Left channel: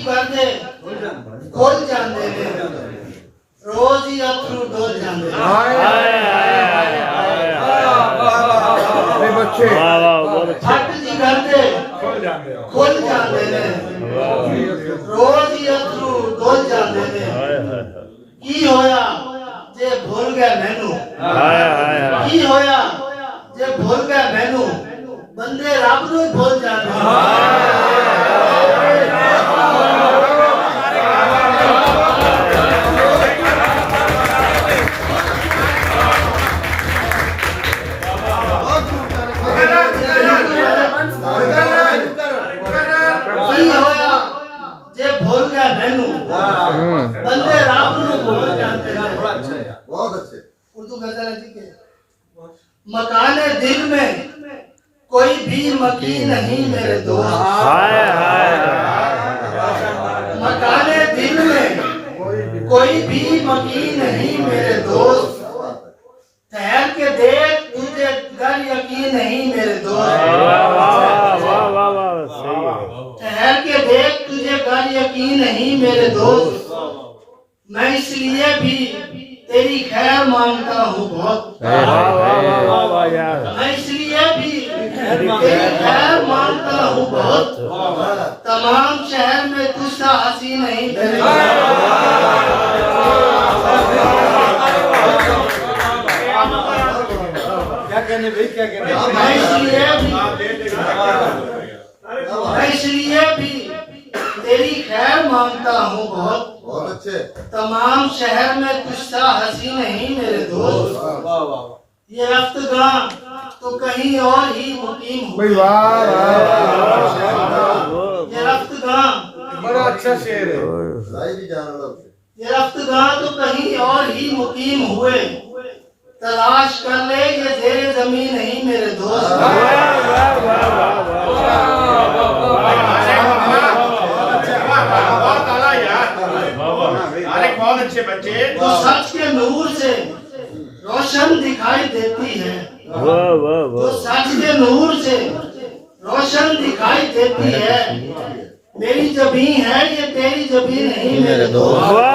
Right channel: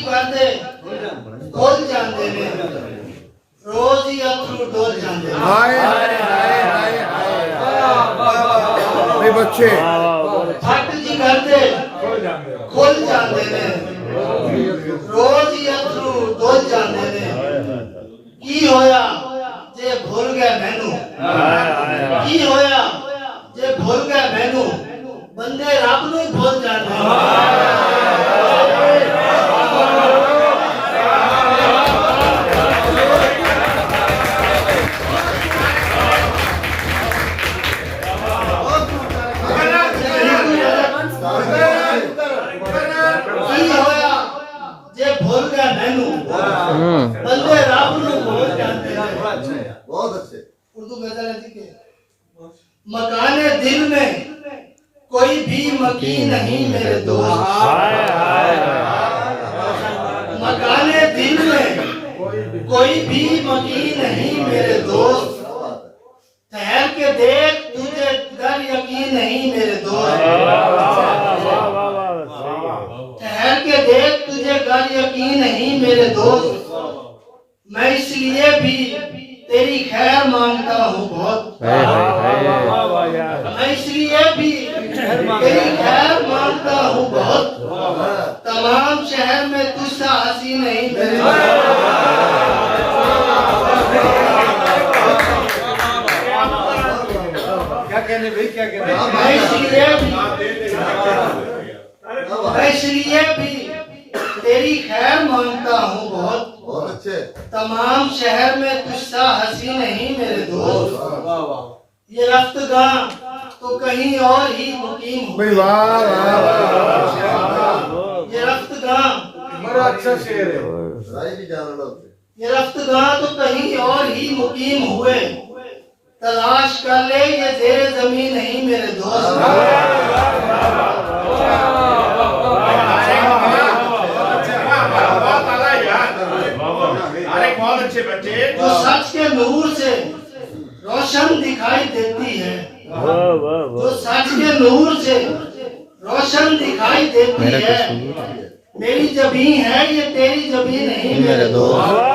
जी भरदे खुल जांदे ने रोज ही अथरू डोल जांदे ने हाय बच्चे फट जी भरदे खुल जांदे ने रोज ही अथरू डोल जांदे ने की होया जे भूल गए मैनू की होया जे भूल गए मैनू बंदे रब नूं भूल जांदे की होया जे भूल गए मैनू बंदे रब नूं भूल जांदे बहुत अच्छे उर्दू गजल है जी के मकाने दिल में कोई भी मकी नहीं मेरे दोस्त मकाने दिल में कोई भी मकी नहीं मेरे दोस्त ठहर के देख तुझे घर यकीन नहीं मेरे दोस्त ठहर के देख तुझे घर यकीन नहीं मेरे दोस्त मैं इसलिए भी तेरी खैर मांगता हूँ बहुत मैं इसलिए भी तेरी खैर मांगता हूँ बहुत तमाम शहर में तुझसा हंसी नहीं मेरे क्या कहने भाई क्या कहने मैं इसलिए भी तेरी खैर मांगता हूँ बहुत बहुत अच्छे तमाम शहर में तुझसा हंसी नहीं मेरे दोस्त ये रफ्तगां तो कहीं और ही मुकीम हुए ये रफ्तगां बड़ा अच्छा शेर है राय भी जान लो ये रफ्तगां तो कहीं और ही मुकीम हुए तलाश कर ले ये जेर जमीन नहीं मेरे दोस्त बहुत अच्छे बच्चे जो सच के नूर से रोशन दिखाई देती है जो सच के नूर से रोशन दिखाई देती है मेरी जबीं है ये तेरी जबीं नहीं मेरे दोस्त